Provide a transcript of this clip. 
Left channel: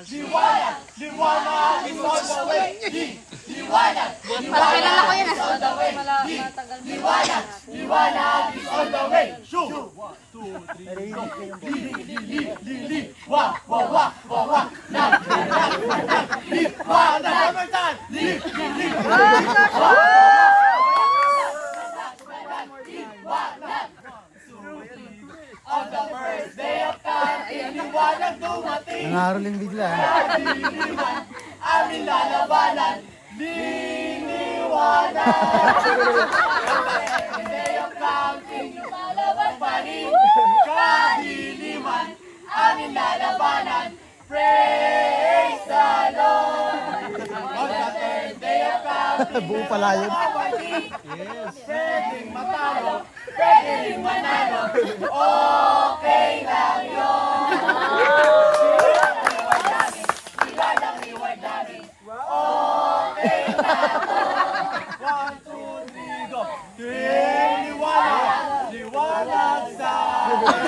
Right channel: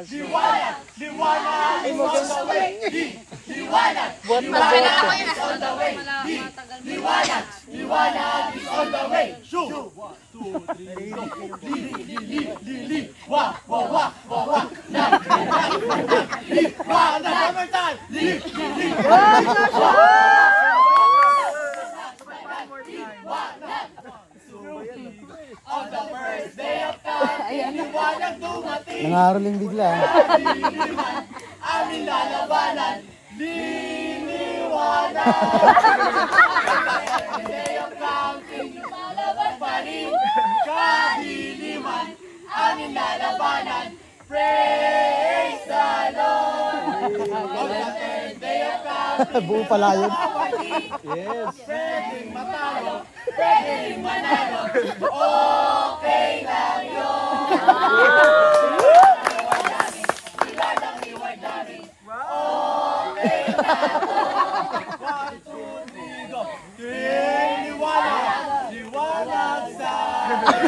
Liwanag! Liwanag is on the way! Liwanag! Liwanag is on the way! Liwanag! Liwanag is on the way! Shoot! 1, 2, 3, go! Li! Wah! Wah! Wah! Wah! Wah! Nang! Liwanag! One more time! Li! Wah! On the first day of counting, liwanag dumating. Nangaroling bigla. Diliman, aming lalabanan. Liliwanag. On the second day of counting, lumalabas pa rin. Kadiliman, aming lalabanan. Praise the Lord. On the third day of counting, buo pala yun. Yes. Pwedeng matalo, pwedeng manalo. Okay lang yun. Liwanag namin. Okay lang yun. 1, 2, 3, go. Liwanag, liwanag sa amin.